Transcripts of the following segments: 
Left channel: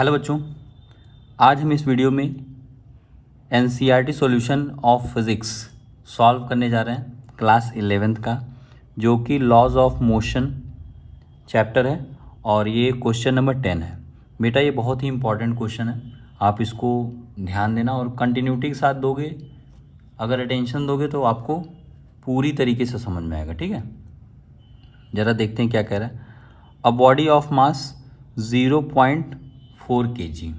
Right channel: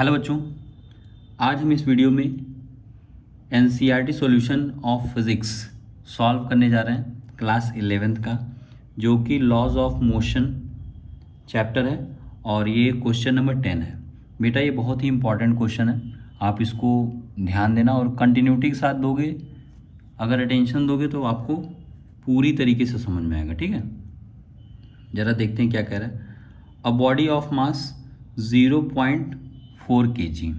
Hello बच्चों, आज हम इस वीडियो में NCERT solution of physics solve करने जा रहे हैं क्लास 11th का, जो कि लॉज ऑफ मोशन चैप्टर है और ये क्वेश्चन नंबर 10 है। बेटा ये बहुत ही इंपॉर्टेंट क्वेश्चन है, आप इसको ध्यान देना और कंटिन्यूटी के साथ दोगे, अगर अटेंशन दोगे तो आपको पूरी तरीके से समझ में आएगा। ठीक है, ज़रा देखते हैं क्या कह रहा है। A body of mass 0.4 kg,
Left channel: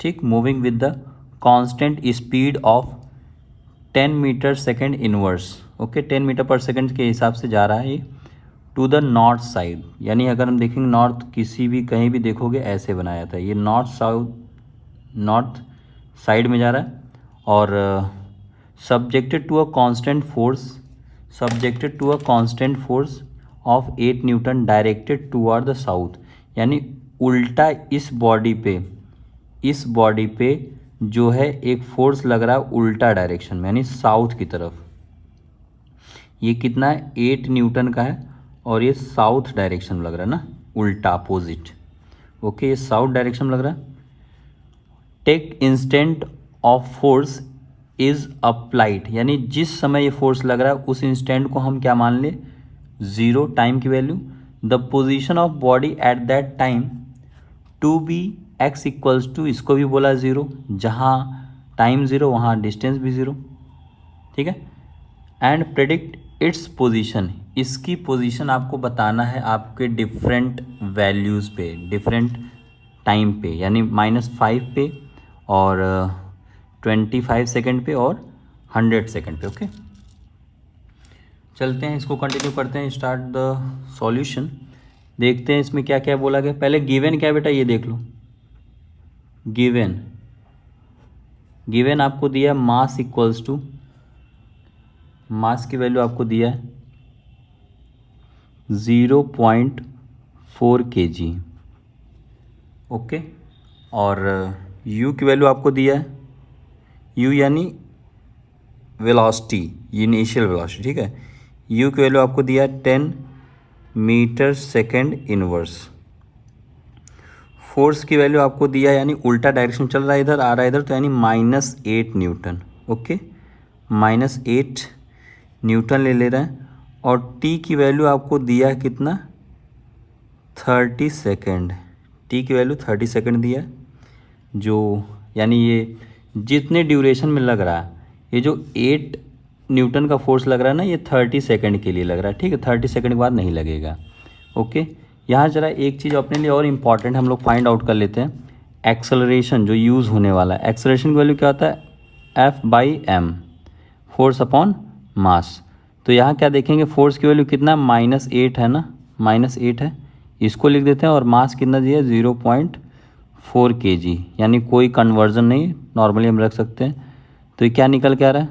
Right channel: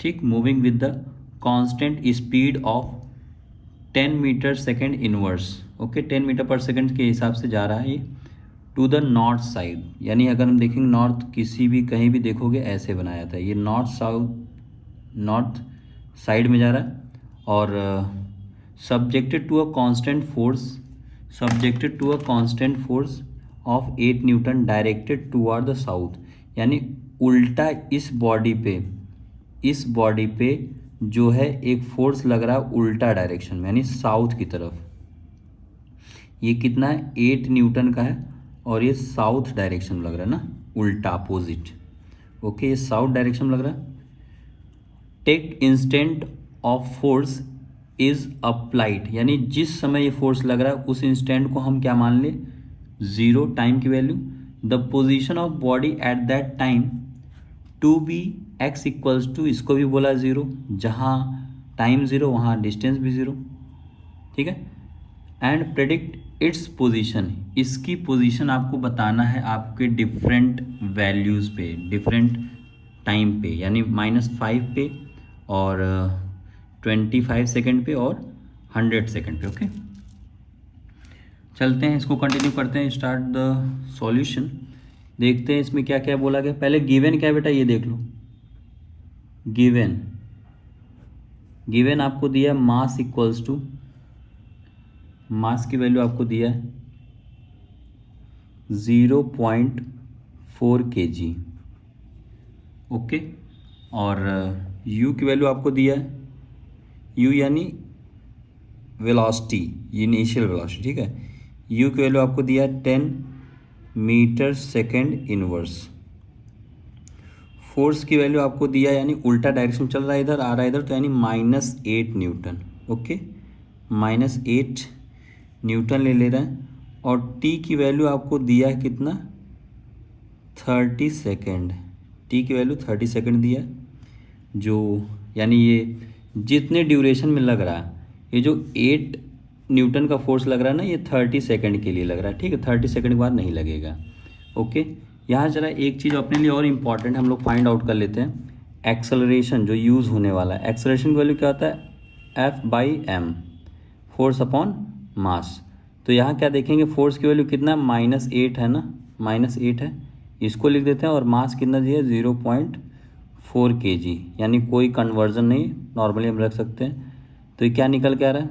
ठीक, moving with the constant speed of 10 metre second inverse. Okay, 10 metre पर सेकेंड के हिसाब से जा रहा है ये टू द नॉर्थ साइड। यानी अगर हम देखेंगे नॉर्थ, किसी भी कहीं भी देखोगे ऐसे बनाया था, ये नॉर्थ साइड में जा रहा है और subjected to a constant force of 8 newton directed toward the south. यानी उल्टा इस बॉडी पे जो है एक फोर्स लग रहा है उल्टा डायरेक्शन में, यानी साउथ की तरफ। ये कितना है, 8 न्यूटन का है और ये साउथ डायरेक्शन में लग रहा है ना, उल्टा अपोजिट। ओके, ये साउथ डायरेक्शन में लग रहा है। Take instant of force is applied, यानी जिस समय ये फोर्स लग रहा है उस इंस्टेंट को हम क्या मान ले, 0 टाइम की value. The position of body at that time to be X equals to, इसको भी बोला 0, जहाँ टाइम 0 वहाँ डिस्टेंस भी 0। ठीक है, एंड प्रेडिक्ट इट्स पोजीशन, इसकी पोजीशन आपको बताना है आपके डिफरेंट वैल्यूज़ पे, डिफरेंट टाइम पे, यानी -5 पे और 25 सेकेंड पे और 100 सेकेंड पे। ओके, चलते हैं, इसको कंटिन्यू करते हैं। स्टार्ट द सॉल्यूशन, देखते हैं इसमें क्या क्या बोला गया। पहले गिवन क्या है बेटा, ये देख लो। गिवन आपको दिया मास इक्वल्स टू, मास की वैल्यू आपको दिया है 0.4 kg। ओके, और u की वैल्यू आपको दिया है, u यानी वेलोसिटी, इनिशियल वेलोसिटी। ठीक है, u की वैल्यू आपको दिया है 10 मीटर सेकेंड इनवर्स। फोर्स की वैल्यू आपको दिया है, यानी उल्टा डायरेक्शन चल रहा है, इधर आ रहा है इधर, तो यानी -8 न्यूटन। ओके, -8 न्यूटन ले रहे हैं। और t की वैल्यू आपको दिया है कितना, 30 सेकेंड। t की वैल्यू 30 सेकेंड दिया है, जो यानी ये जितने ड्यूरेशन में लग रहा है, ये जो 8 न्यूटन का फोर्स लग रहा है ना, ये 30 सेकेंड के लिए लग रहा है। ठीक है, 30 सेकेंड के बाद नहीं लगेगा। ओके, यहाँ जरा एक चीज़ अपने लिए और इम्पॉर्टेंट हम लोग फाइंड आउट कर लेते हैं, एक्सेलरेशन जो यूज़ होने वाला है। एक्सेलरेशन की वैल्यू क्या होता है, F/m, फोर्स अपॉन मास। तो यहाँ क्या देखेंगे, फोर्स की वैल्यू कितना, -8 है ना, -8 है, इसको लिख देते हैं। और मास कितना दिया, 0.4 kg, यानी कोई कन्वर्जन नहीं, नॉर्मली हम रख सकते हैं। तो ये क्या निकल के आ रहा है,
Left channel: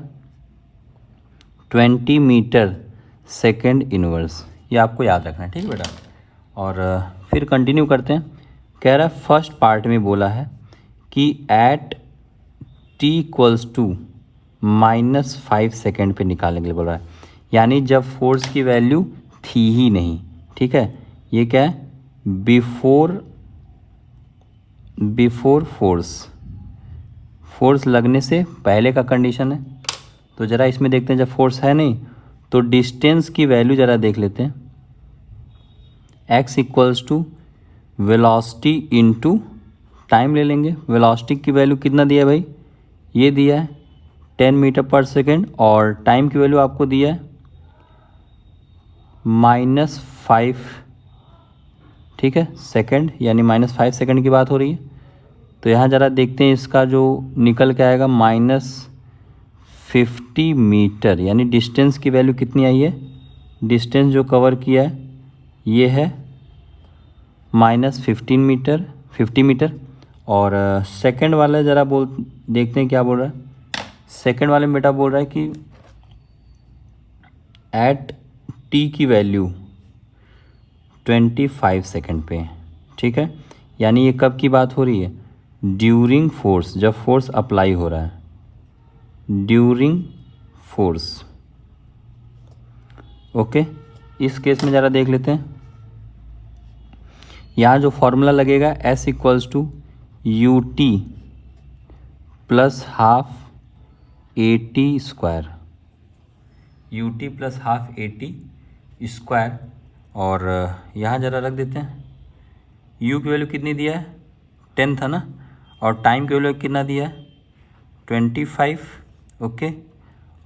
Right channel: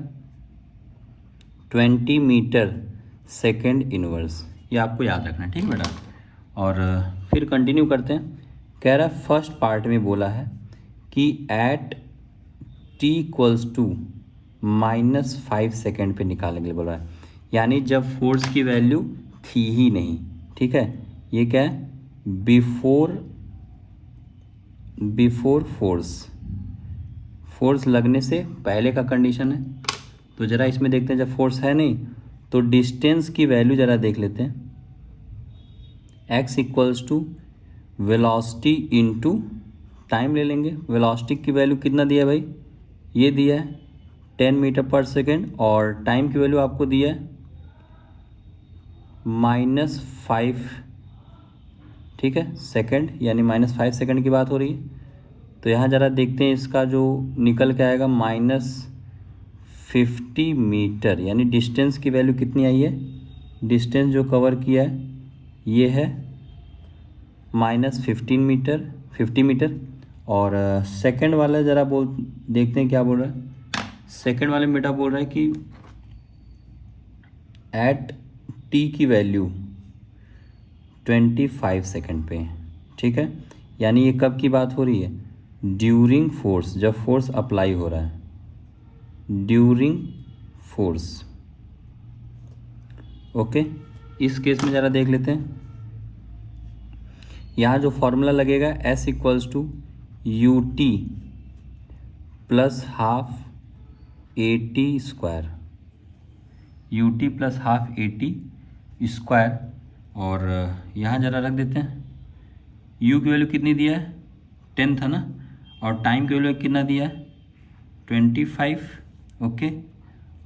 20 मीटर सेकेंड इनवर्स। ये आपको याद रखना है, ठीक है बेटा। और फिर कंटिन्यू करते हैं। कह रहा है फर्स्ट पार्ट में बोला है कि at t equals to -5 second पे निकालेंगे बोल रहा है, यानी जब फोर्स की वैल्यू थी ही नहीं। ठीक है, ये क्या है, बिफोर फोर्स लगने से पहले का कंडीशन है। तो ज़रा इसमें देखते हैं, जब फोर्स है नहीं तो डिस्टेंस की वैल्यू ज़रा देख लेते हैं। x equals to velocity into time ले लेंगे। वेलोसिटी की वैल्यू कितना दिया है भाई, ये दिया है 10 मीटर पर सेकेंड, और टाइम की वैल्यू आपको दिया है -5, ठीक है, सेकेंड, यानी -5 सेकेंड की बात हो रही है। तो यहाँ ज़रा देखते हैं, इसका जो निकल के आएगा -50 मीटर, यानी डिस्टेंस की वैल्यू कितनी आई है, डिस्टेंस जो कवर किया है ये है -50 मीटर। और सेकंड वाला ज़रा देखते हैं क्या बोल रहा है। सेकंड वाले में बेटा बोल रहा है कि एट t की वैल्यू 25 सेकेंड पे। ठीक है, यानी ये कब की बात हो रही है, ड्यूरिंग फोर्स, जब फोर्स अप्लाई हो रहा है, ड्यूरिंग फोर्स। ओके, इस केस में ज़रा देख लेते हैं। यहाँ जो फॉर्मूला लगेगा S equals to u t plus half a t square, u t plus half a t square. और यहाँ ज़रा रख देते हैं, u की वैल्यू कितनी दिया है 10 था ना, और टाइम की वैल्यू कितना दिया है 25, ओके।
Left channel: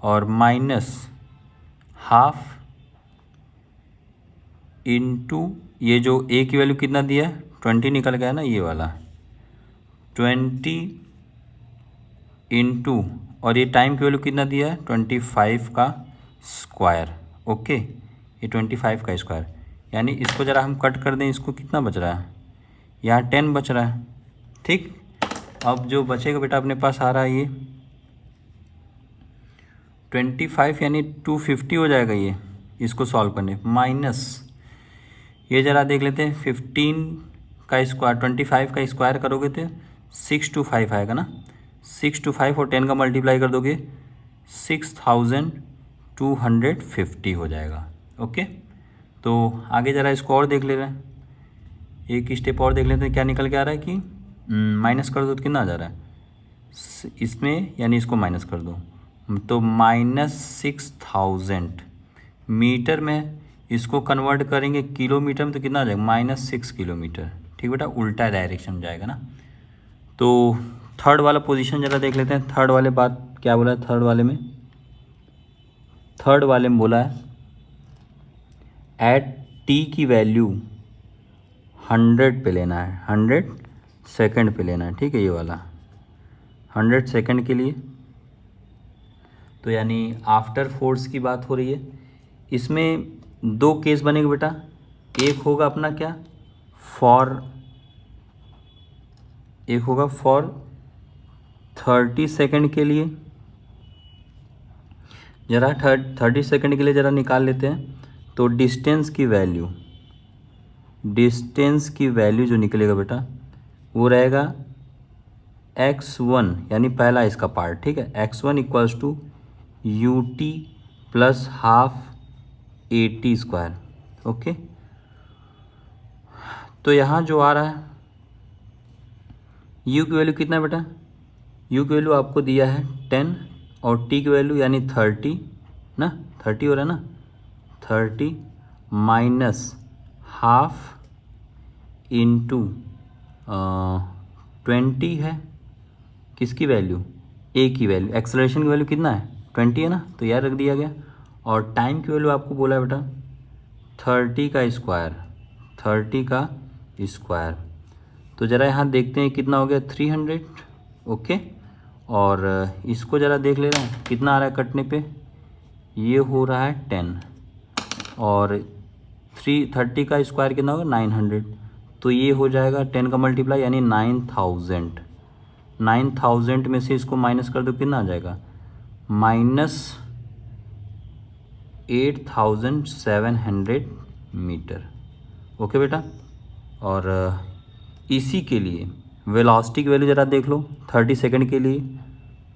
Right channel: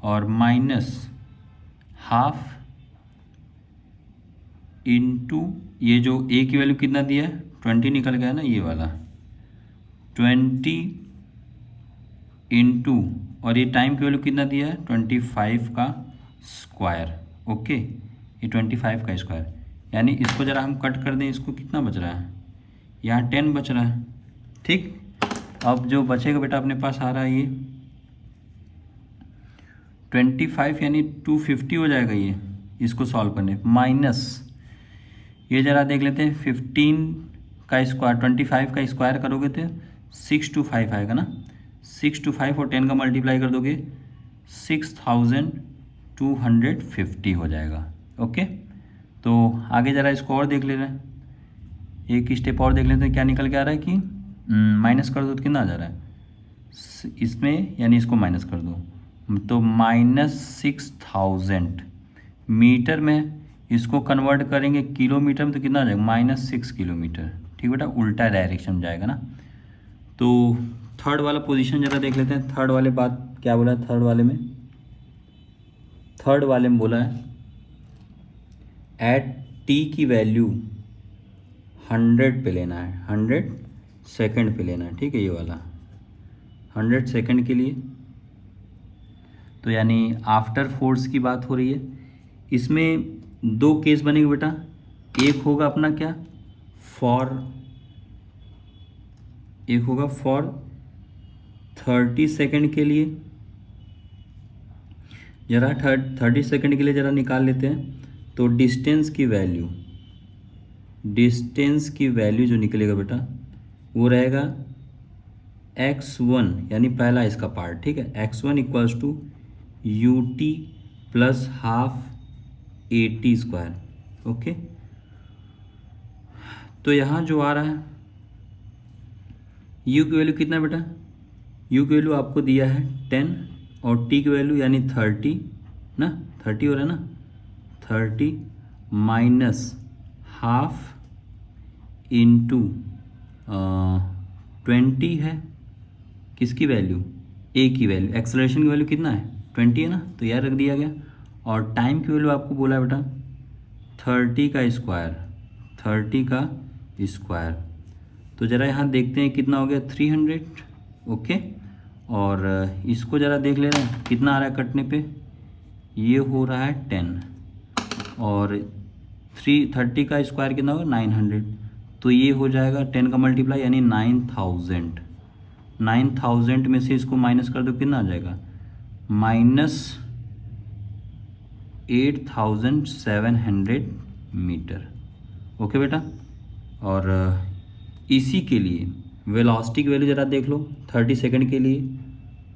और माइनस हाफ इनटू ये जो a की वैल्यू कितना दिया है 20 निकल गया ना, ये वाला 20 इनटू, और ये टाइम की वैल्यू कितना दिया है 25 का स्क्वायर, ओके। ये 25 का स्क्वायर, यानी इसको ज़रा हम कट कर दें, इसको कितना बच रहा है, यहाँ 10 बच रहा है, ठीक। अब जो बचेगा बेटा अपने पास आ रहा है ये 25 यानी 250 हो जाएगा ये, इसको सॉल्व करने माइनस ये ज़रा देख लेते हैं 15 का स्क्वायर, 25 का स्क्वायर करोगे तो 625 आएगा ना, 625 और 10 का मल्टीप्लाई कर दोगे 6250 हो जाएगा, ओके। तो आगे ज़रा इसको और देख ले रहे हैं, एक स्टेप और देख लेते हैं क्या निकल के आ रहा है कि माइनस कर दो तो कितना आ जा रहा है इसमें, यानी इसको माइनस कर दो तो -6000 मीटर में, इसको कन्वर्ट करेंगे किलोमीटर में तो कितना आ जाएगा -6 किलोमीटर, ठीक बेटा, उल्टा डायरेक्शन में जाएगा ना। तो थर्ड वाला पोजीशन ज़रा देख लेते हैं, थर्ड वाले बात क्या बोला है, थर्ड वाले में बोला है एट टी की वैल्यू 100 पे लेना है, 100 सेकेंड पे लेना है, ठीक है, ये वाला 100 सेकेंड के लिए। तो यानी आफ्टर फोर्स की बात हो रही है, इसमें दो केस बनेगा बेटा, एक होगा अपना क्या एक होगा फॉर 30 सेकेंड के लिए, ज़रा 30 सेकेंड के लिए ज़रा निकाल लेते हैं। तो डिस्टेंस की वैल्यू जो निकलेगा बेटा वो रहेगा x1, यानी पहला इसका पार्ट, ठीक है, x1 equals to u t plus half a t square, okay. तो यहाँ जो आ रहा है u की वैल्यू कितना है बेटा, u की वैल्यू आपको दिया है 10 और t की वैल्यू यानी 30 ना, 30 हो रहा है ना, 30 माइनस हाफ इंटू 20 है किसकी वैल्यू, a की वैल्यू, एक्सेलरेशन की वैल्यू कितना है 20 है ना, तो यह रख दिया गया। और टाइम की वैल्यू आपको बोला है बेटा 30 का स्क्वायर, तो ज़रा यहाँ देखते हैं कितना हो गया 300, ओके। और इसको ज़रा देख ले रहे हैं कितना आ रहा है कटने पे, ये हो रहा है 10 और 30 का स्क्वायर कितना होगा 900, तो ये हो जाएगा 10 का मल्टीप्लाई यानी 9000 में से इसको माइनस कर दो कितना आ जाएगा -8700 मीटर, ओके बेटा। और इसी के लिए वेलोसिटी की वैल्यू ज़रा देख लो 30 सेकंड के लिए,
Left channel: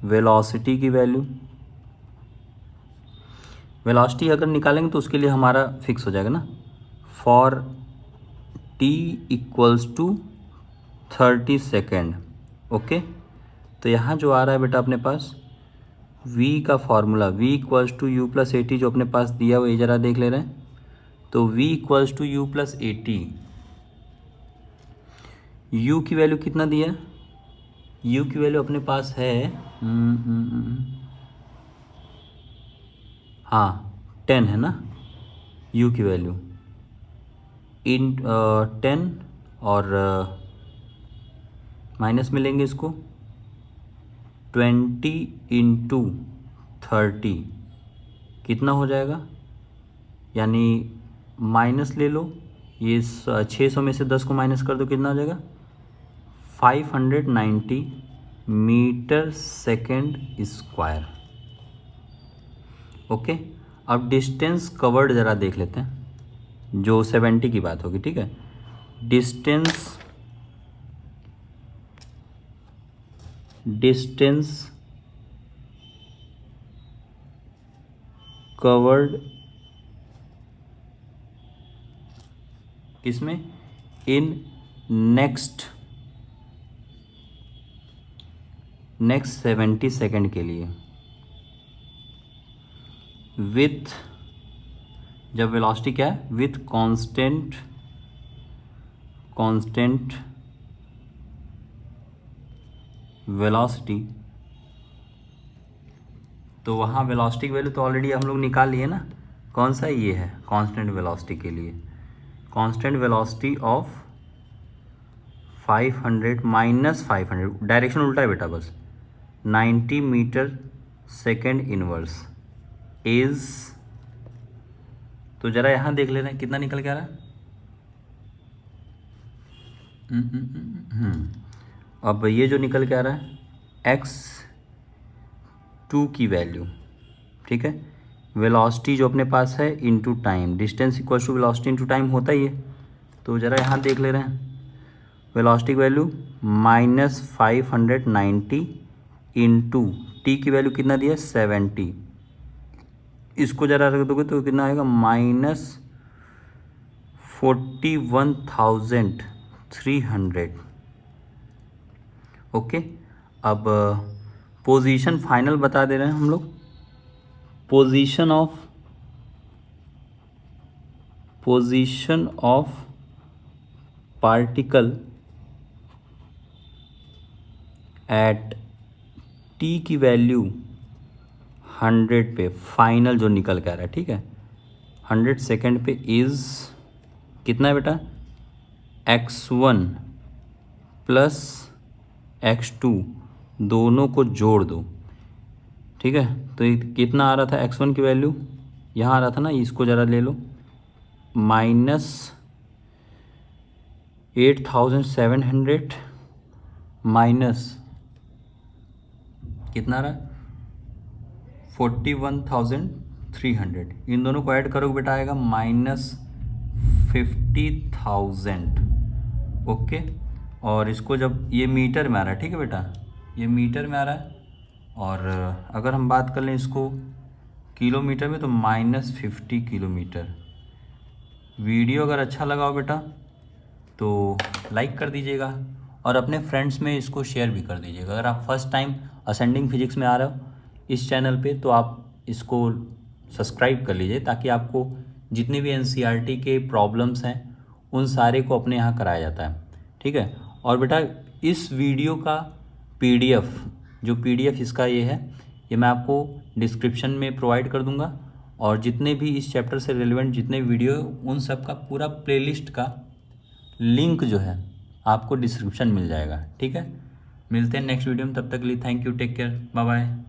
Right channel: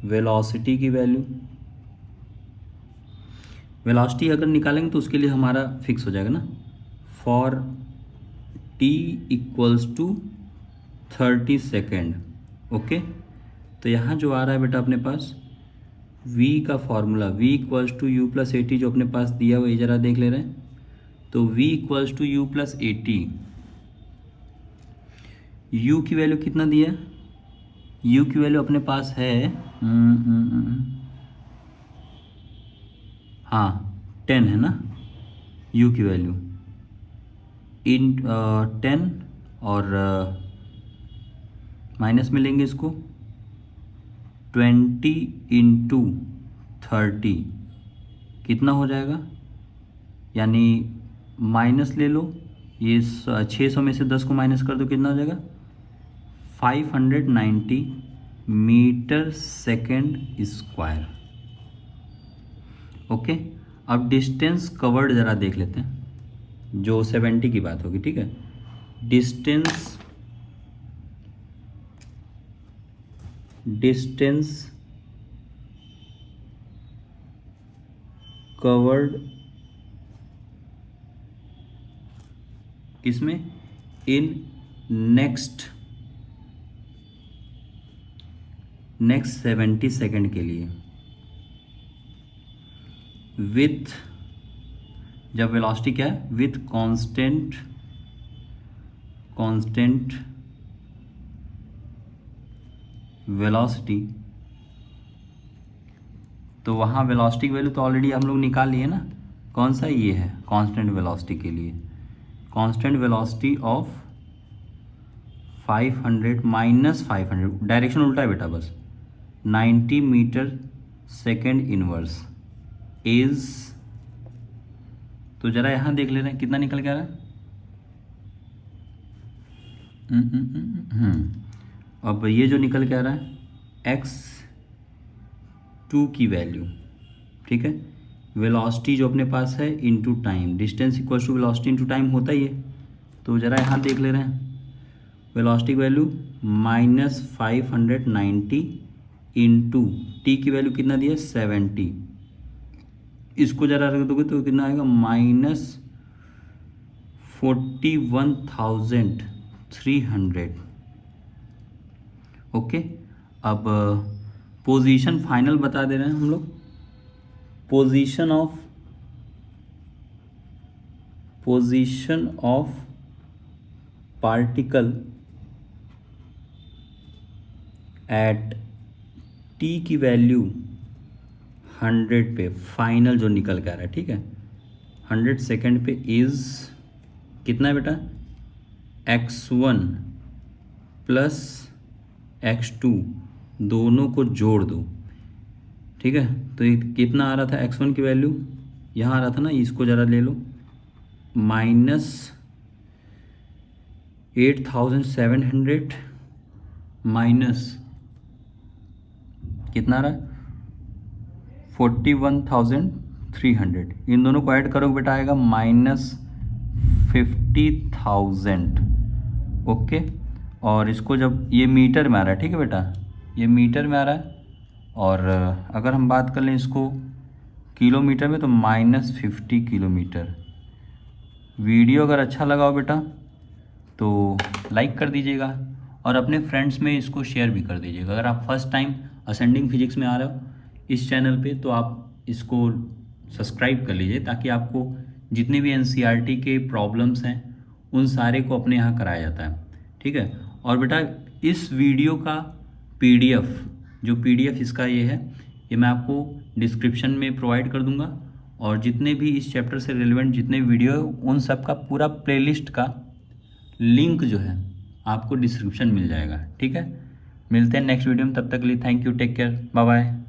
वेलोसिटी की वेलोसिटी अगर निकालेंगे तो उसके लिए हमारा फिक्स हो जाएगा ना, for t equals to 30 second, okay. तो यहाँ जो आ रहा है बेटा अपने पास v का formula v equals to u plus a t जो अपने पास दिया हुआ ये ज़रा देख ले रहे हैं। तो v equals to u plus a t, u की वैल्यू कितना दिया है, u की वैल्यू अपने पास है हाँ 10 है ना, u की वैल्यू इन 10 और माइनस में लेंगे इसको 20 इंटू 30 कितना हो जाएगा, यानी माइनस ले लो, ये 600 में से 10 को माइनस कर दो कितना हो जाएगा 590 मीटर सेकेंड स्क्वायर, ओके। अब डिस्टेंस कवर्ड ज़रा देख लेते हैं, जो 70 की बात होगी, ठीक है। डिस्टेंस कवर्ड किसमें, इन नेक्स्ट नेक्स्ट 70 सेकेंड के लिए विथ, जब वेलोसिटी क्या है, विथ कांस्टेंट वेलोसिटी, तो वहाँ वेलोसिटी की वैल्यू तो ऑलरेडी हम लोग निकाल लिए ना, कौन सा ये है कांस्टेंट वेलोसिटी के लिए, constant velocity of 500 minus 500, direction उल्टा है बेटा बस, 90 मीटर सेकेंड इनवर्स इज, तो जरा यहाँ देख ले रहे हैं कितना निकल के आ रहा है। अब ये जो निकल के आ रहा है x2 की वैल्यू, ठीक है, वेलोसिटी जो अपने पास है into time, distance equal to velocity into time होता ही है, तो ज़रा यहाँ देख ले रहे हैं वेलोसिटी की वैल्यू -590 इंटू टी की वैल्यू कितना दिया 70, इसको ज़रा रख दोगे तो कितना आएगा -41,300। ओके, अब पोजीशन फाइनल बता दे रहे हैं हम लोग, position of particle at T की वैल्यू 100 पे, फाइनल जो निकल के आ रहा है, ठीक है, 100 सेकेंड पे इज कितना है बेटा, x1 प्लस x2 दोनों को जोड़ दो, ठीक है, तो ये कितना आ रहा था x1 की वैल्यू, यहाँ आ रहा था ना, इसको ज़रा ले लो, -8700 माइनस कितना आ रहा है 41,300, इन दोनों को ऐड करोगे बेटा आएगा -50,000। ओके, और इसको जब ये मीटर में आ रहा है, ठीक है बेटा, ये मीटर में आ रहा है, और अगर हम बात कर लें इसको किलोमीटर में तो -50 किलोमीटर। वीडियो अगर अच्छा लगा हो बेटा तो लाइक कर दीजिएगा और अपने फ्रेंड्स में इसको शेयर भी कर दीजिएगा। अगर आप फर्स्ट टाइम असेंडिंग फिजिक्स में आ रहे हो इस चैनल पे तो आप इसको सब्सक्राइब कर लीजिए, ताकि आपको जितने भी एनसीईआरटी के प्रॉब्लम्स हैं उन सारे को अपने यहाँ कराया जाता है, ठीक है। और बेटा इस वीडियो का पीडीएफ, जो पीडीएफ इसका ये है, ये मैं आपको डिस्क्रिप्शन में प्रोवाइड कर दूंगा, और जितने भी इस चैप्टर से रिलेवेंट जितने वीडियो है उन सब का पूरा प्लेलिस्ट का लिंक जो है आपको डिस्क्रिप्शन मिल जाएगा, ठीक है। मिलते हैं नेक्स्ट वीडियो में, तब तक के लिए thank you, take care, bye bye.